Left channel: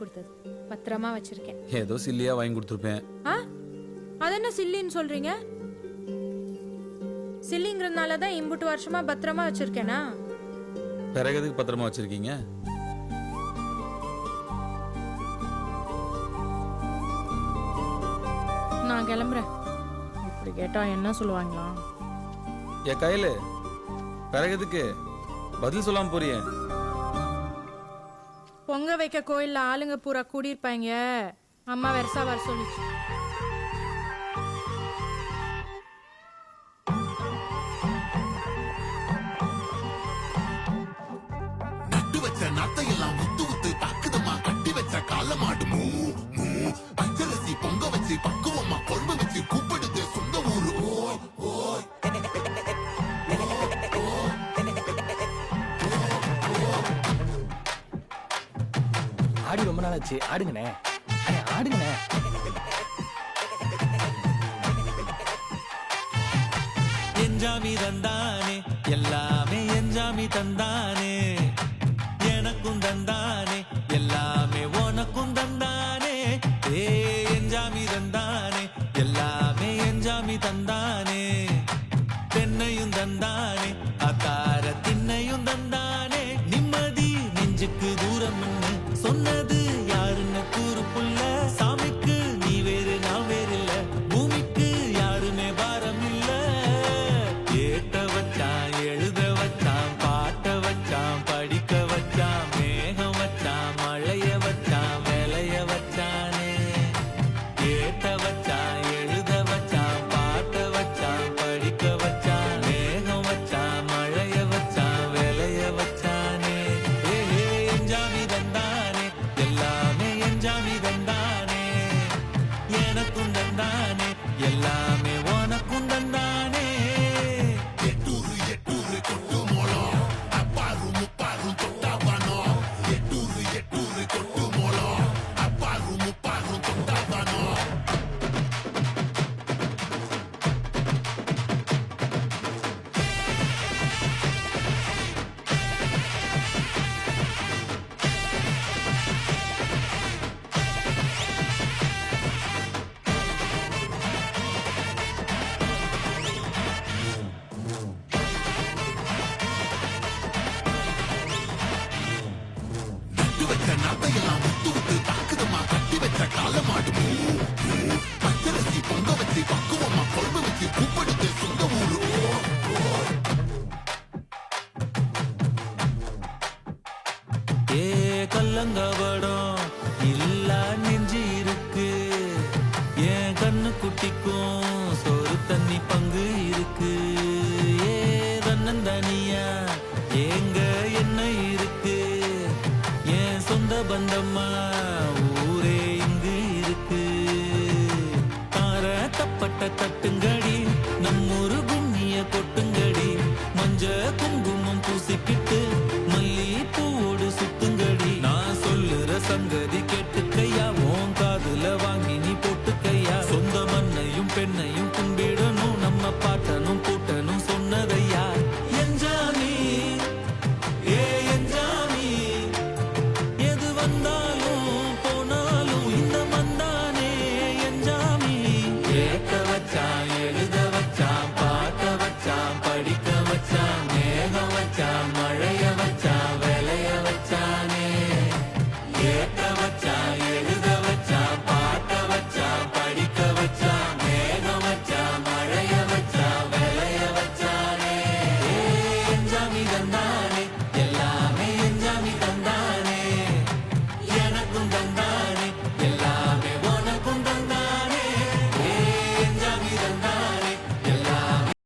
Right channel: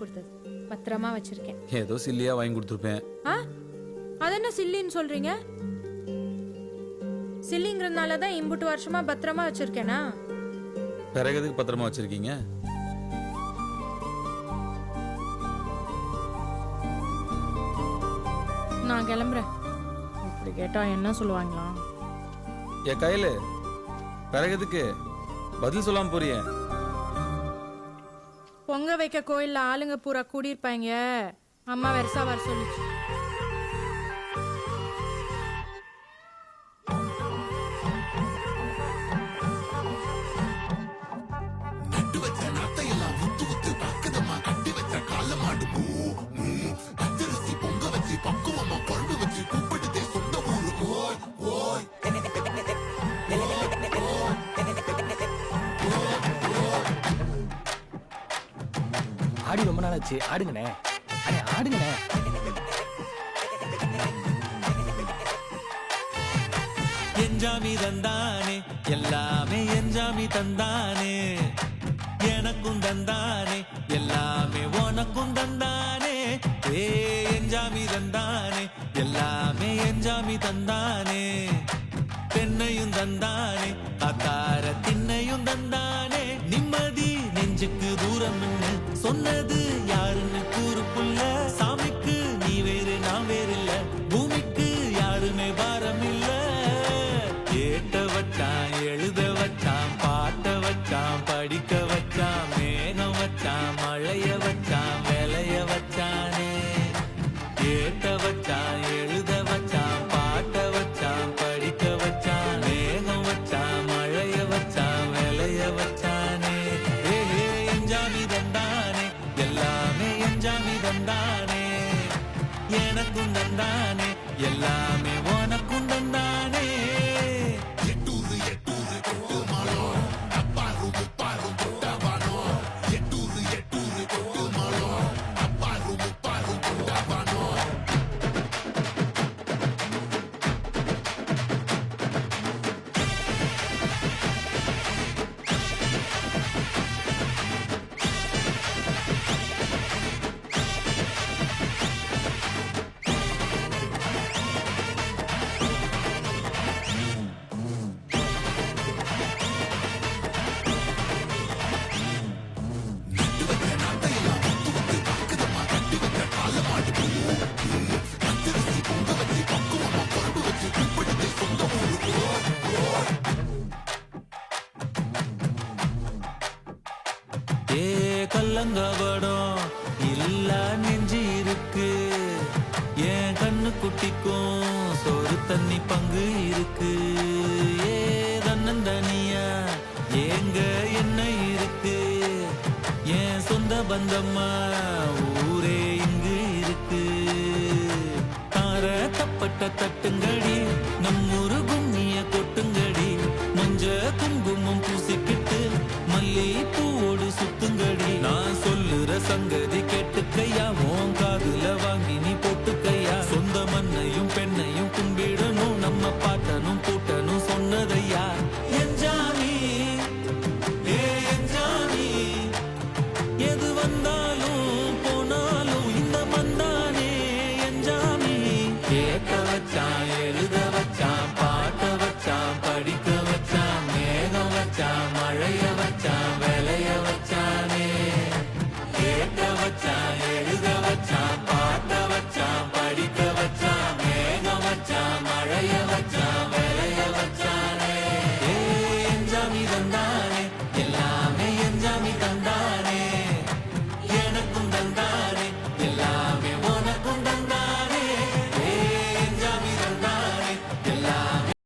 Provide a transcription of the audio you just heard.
கொடுத்தது. பத்திரமா வச்சிருக்கேன். ஏதோ சில்லியா வாங்கி கொடுத்துருப்பேன். அது என்ன சில்லின்னு சொல்றீங்க? சில்லிங்கிறதுனால தான் இம்புட்டு வருஷமா பத்திரமா வச்சிருக்கேனா? பிறகு எதுக்கு பத்திரமா வச்சிருக்கீங்க? நான் கிளம்புறேன். இப்படி கேட்டா என்ன சொல்லுவாங்களா? என் கையில பிறகு எதுக்கு பதில் சொல்லாம போறியே? பொங்க வைக்க கோயில்ல ஆளுங்க பூரா கூடியிருப்பாங்க. அம்மா வெரசா வர சொல்லிச்சு. ஆடி ரொம்ப நாள் ஆச்சு. ஆடுங்கண்ணே, அடே ஆடுங்கண்ணே. என்ஜாமி தந்தானே எல்லாமே, என்ஜாமி தந்தானே எனக்கும் தந்தானே எல்லாமே, உனக்கும் தந்தானே. ஏ என்ஜாமி தந்தானே எல்லாமே, என்ஜாமி தந்தானே. தென்னையும் தந்தானே, காத்தார திண்ணையும் தந்தானே. நிம்மதி நெஞ்சுக்கு தூரம்னு சொன்னது யாருன்னு கூறு புள்ள. சாமிக்கு நீ வேறு நான் வேறு இல்ல, பூமிக்கு யாருமே பாரம் இல்ல. ஏட்ட வச்சான், எழுத வச்சான், பாட்ட வச்சான், படிக்க வச்சான், மேகம் வச்சான், மழைய வச்சான், விளைய வச்சானே. ஏட்ட வச்சான், எழுத வச்சான், பாட்ட வச்சான், படிக்க வச்சான், மேகம் வச்சான், மழைய வச்சான், விளைய வச்சானே. ஏ என்ஜாமி தந்தானே எல்லாமே, என்ஜாமி தந்தானே எனக்கும் தந்தானே எல்லாமே, உனக்கும் தந்தானே. ஏ கல்லங்கபடம் இல்லா நெஞ்சு இருக்கு, என் கண்ணு குட்டிக்கும் சோறு தண்ணி பங்கு இருக்கு. ஏ தன்னந்தனியா ஏங்க என்ன இருக்கு, என் சொந்த பந்தம்மா ஊரே இங்கு இருக்கு. தார தப்பட்ட தட்டுங்கடி, நம்மூரு கும்மிய கொட்டுங்கடி. மஞ்ச குங்குமம் பூசிக்கிட்டு மல்லி பூவோடு சுத்துங்கடி. நான் சொல்லுற சங்கதி கேட்டுக்கையா, உன் காதுல வாங்கி நீ போட்டுக்கையா. சொந்த மண்ணையும் பெண்ணையும் கும்பிடணும், நம்ம பாட்டனும் கூட்டனும் சொன்னதையா. என்ஜாமி ஏ என்ஜாமி, எது வந்தாலும் போனாலும் இந்த மந்தானே என்ஜாமி. ஏட்ட வச்சான், எழுத வச்சான், பாட்ட வச்சான், படிக்க வச்சான், மேகம் வச்சான், மழைய வச்சான், விளைய வச்சானே. ஏட்ட வச்சான், எழுத வச்சான், பாட்ட வச்சான், படிக்க வச்சான், மேகம் வச்சான், மழைய வச்சான், விளைய வச்சானே. ஏ என்ஜாமி தந்தானே எல்லாமே, என்ஜாமி தந்தானே எனக்கும் தந்தானே எல்லாமே, உனக்கும் தந்தானே.